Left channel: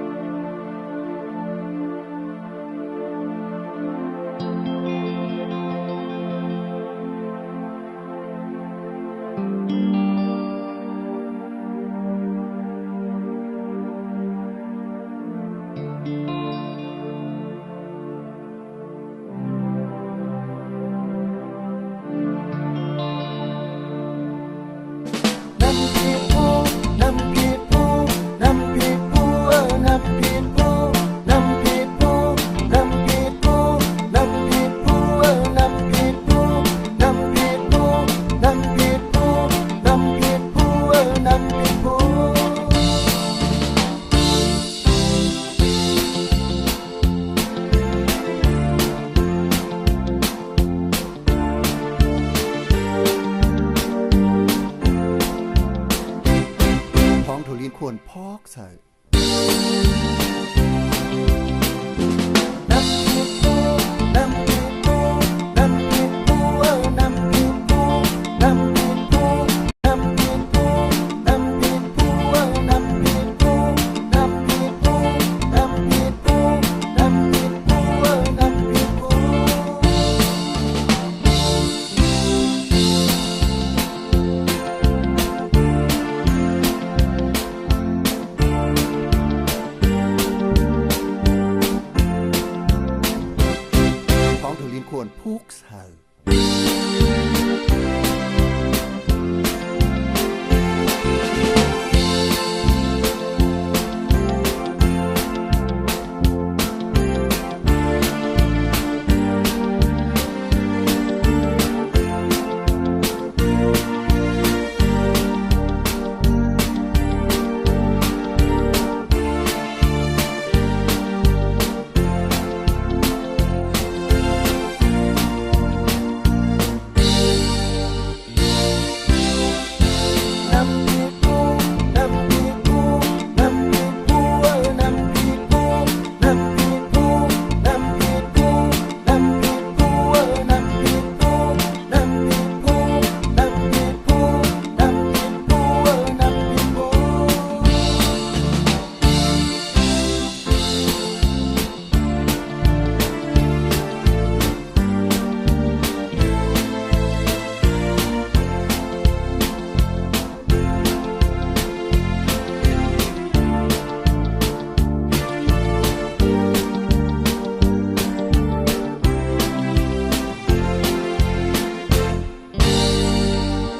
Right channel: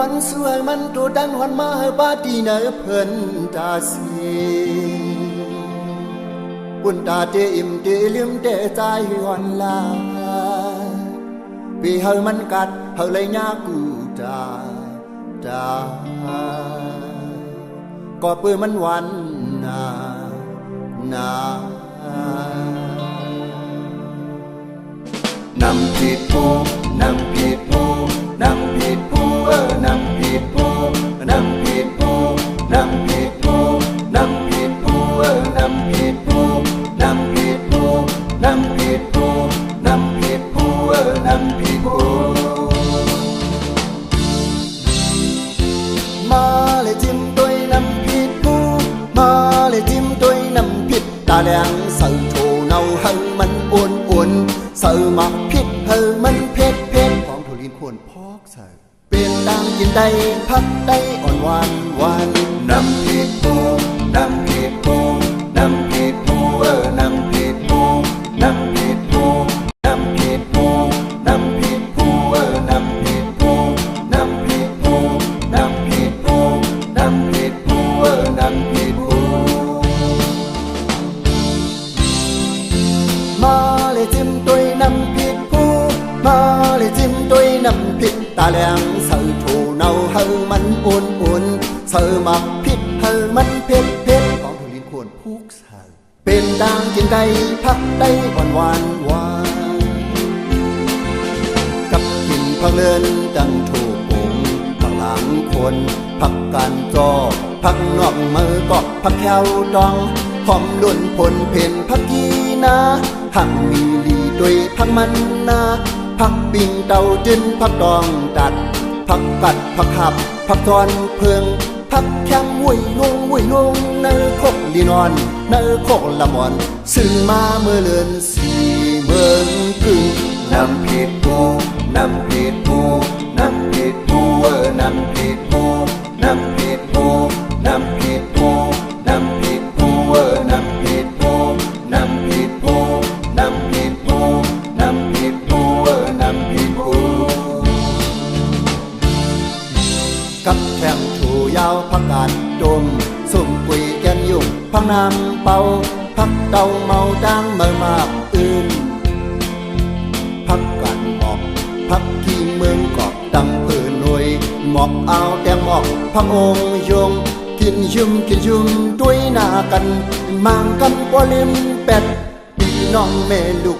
อนสวยมันดูดังหอนมาบาดีเนอเพิ่นตาสีบุญตาเดอิ่มเดลืมเดใจหอนลาปีเฮามันกัดเฮาเลยยากูดาดาก็ปืนมันวัน วนพอกใส่เปลี่ยนตางยินใดพักได้อ่อนหวาน 막빛 할만빛빛 광돌린 구원 폭살 뺀땅진 다이 팥다이 원완완 값진 방은 깐토 방랑 구원 박간조 박넉 말법 박혀동 험룬 본빛 박기나 항민이 도이 박만나 박빙 เตาจิ้นพักดองดัดพักกัดพักขับพักทอนเพื่อง อนเนื้อโคละมอนซึ่งมาเมื่อเลือน bầu thắt đầu màu trắng mờ mà yên thắt cạn bọc thắt thiên nguyên cọp đầm từ nuôi mọc áo đem mọc thắt ôm dung thiên dung thiên dung đuôi na cần mang cân qua lim bẹt đi non về đục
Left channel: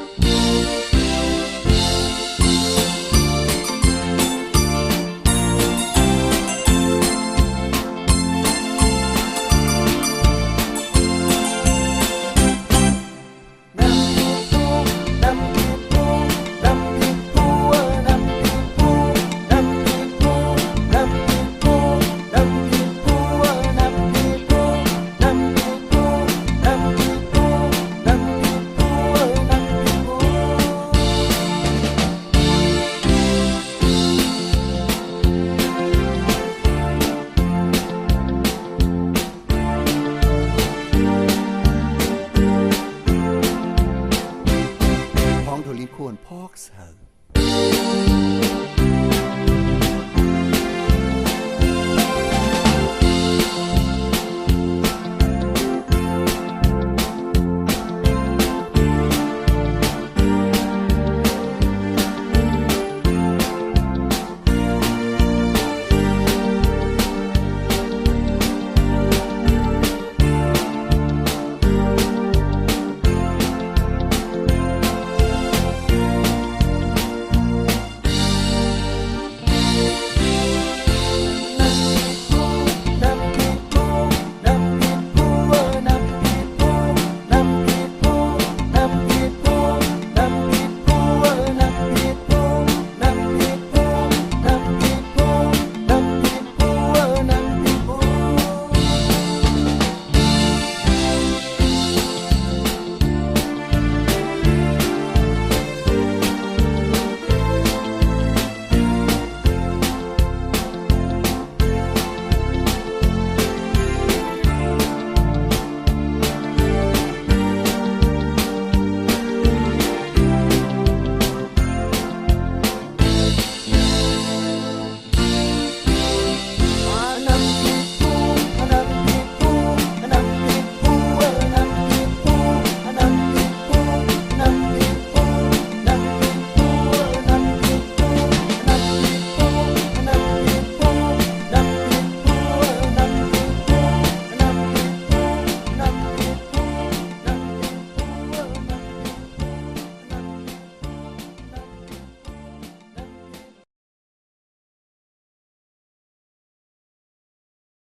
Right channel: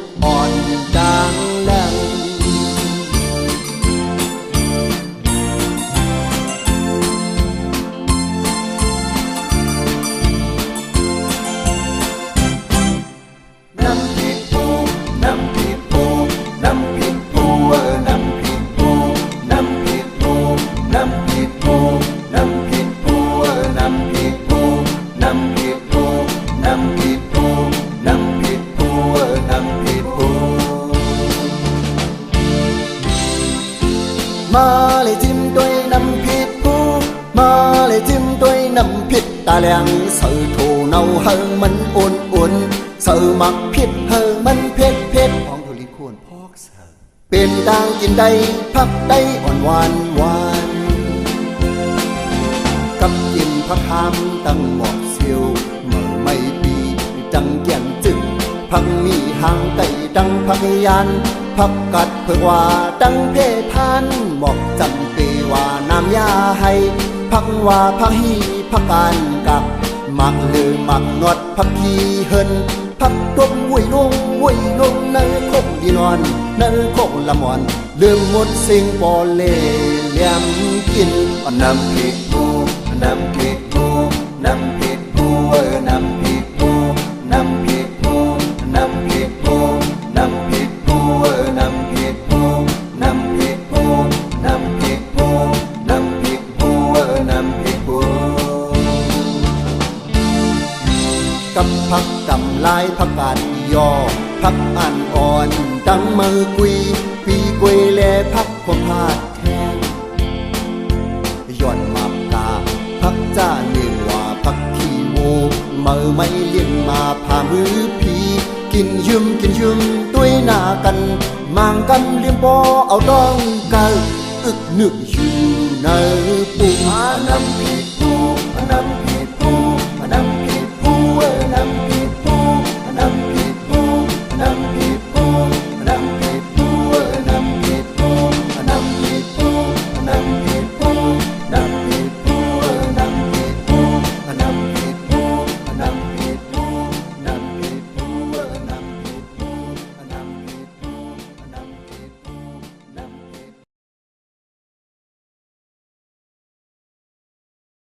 ควรพอกเสาเป็นดาวยินใดพักใดอ่อนหวานหวานกำยิ้มพักพามตั้งหอกเสียวหน่อไม่ปีจังแก่มจึงพักมีหางไต่ดังพักยันพักกัดเพื่อว่าดังเพพันหมอกจำเกว่าน้ำยาให้พักว่าพักฮีพักกัน